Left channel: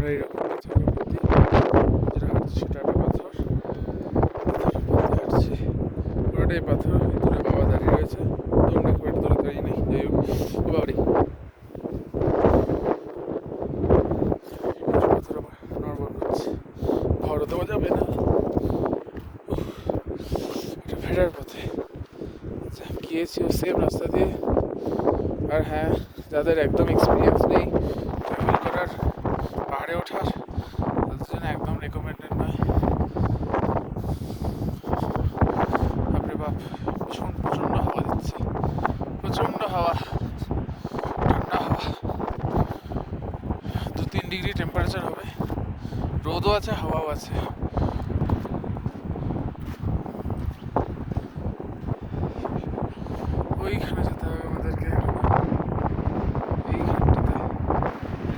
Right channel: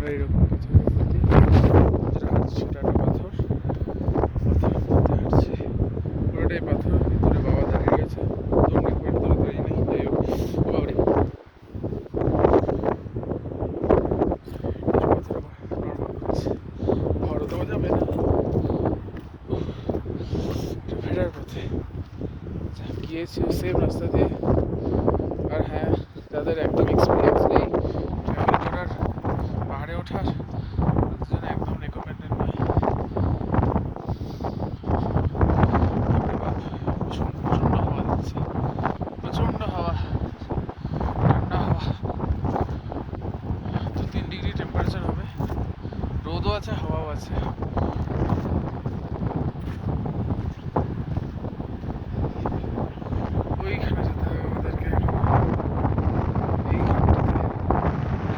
আমরা এরকম পাথরের প্রতি যেটা হাঁটছি সেটা একটা পাথর হাঁটছি পুরোটাই পাথর। দূরে বাবা দাঁড়িয়ে রয়েছে, দূরে খুব একটা দূরে দাঁড়িয়ে নেই। এই বাড়ি পাথর আমার নর্মাল হচ্ছে, ঘরও দেওয়া যাবে না। ফেরার পথে গিয়েছি সেম রাস্তা দিয়ে। আর হ্যাঁ, যাদের একদম এক্সপিরিয়েন্স নেই ট্রাভেল করার, পাহাড়ে ওঠার, তাদের জন্য একদম রেকমেন্ডেড নয়। বাপরে বাপ, ভীষণ প্রচণ্ড হাওয়া দিচ্ছে, প্রচণ্ড হাওয়া, ঠান্ডা হাওয়া। 2-3 ডিগ্রি টেম্পারেচার হবে, রোদও আছে হাওয়াও আছে। ওইখানে যেতে হবে আমাদেরকে।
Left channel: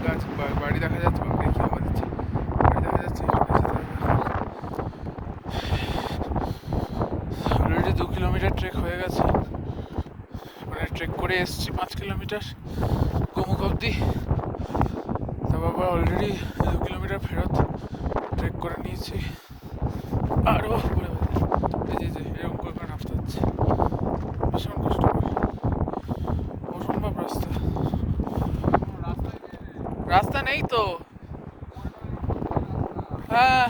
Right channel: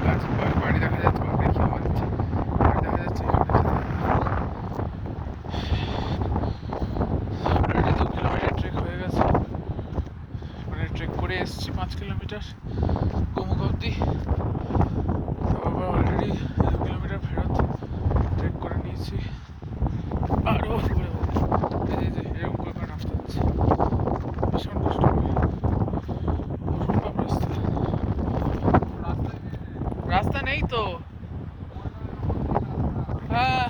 গাছ বাড়ি দেখা যাচ্ছে, বাবা কি হাওয়া দিচ্ছে, বাড়ি দেখা যাচ্ছে। অলরেডি 2 কিলোমিটার ট্রেক হয়ে গেছে, মানে ট্রেক করে এসেছি 5 কিলোমিটার গোমুখ অব্দি। তারপর অলরেডি 2 কিলোমিটার ফেরত ট্রেক করে নিয়েছি। আরও এরকম করে নামতে হচ্ছে, ভীষণ কষ্টকর, অসম্ভব রাস্তা। রাস্তা নেই তো, হ্যাঁ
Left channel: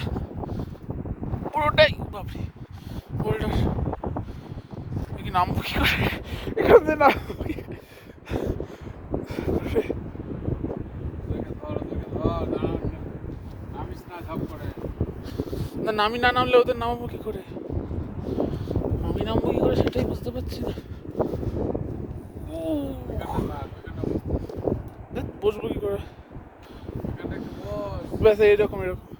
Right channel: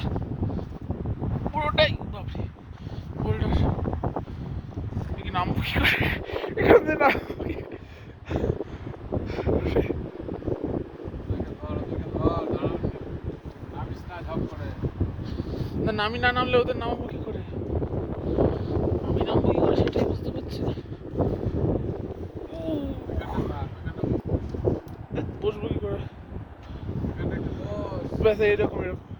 পুরোটাই বাপরে বোল্ডার। নামবো কি করে এখান থেকে, নামবো কি? না নামি না নামলে ওদের নামাবো কি করে, আমি নামবো কি করে সেটাই বুঝতে পারছি না। বসবো কি করে, ব্যাস এইরকম এরকম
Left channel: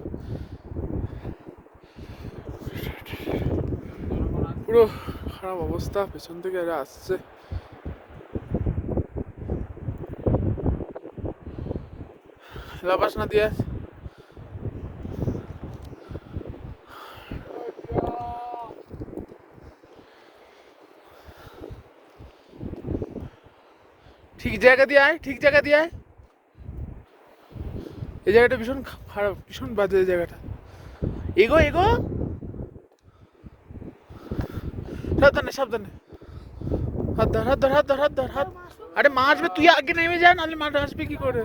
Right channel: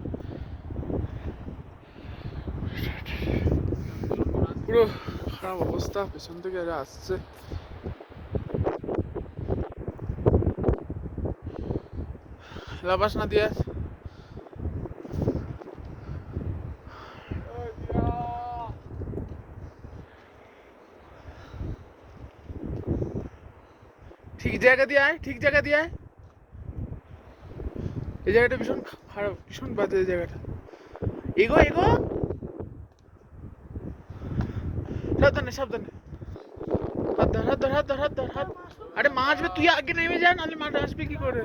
পুরো খারাপ অবস্থা। পেছন থেকে এরা আসছে, লাপাস না দিয়ে ঠিক জায়গা দিয়ে আয়, ঠিক জায়গা দিয়ে আয়। এই জায়গাটা ভীষণ খারাপ, ভীষণ বাজে এই জায়গাটা। এগো এগো, সাবধানে সাবধানে, হাত ধর হাত ধর হাত ধর হাত ধর হাত। আরে মা আসবে, তুই আগে নেমে যা, নাহলে মা আসবে কি করে।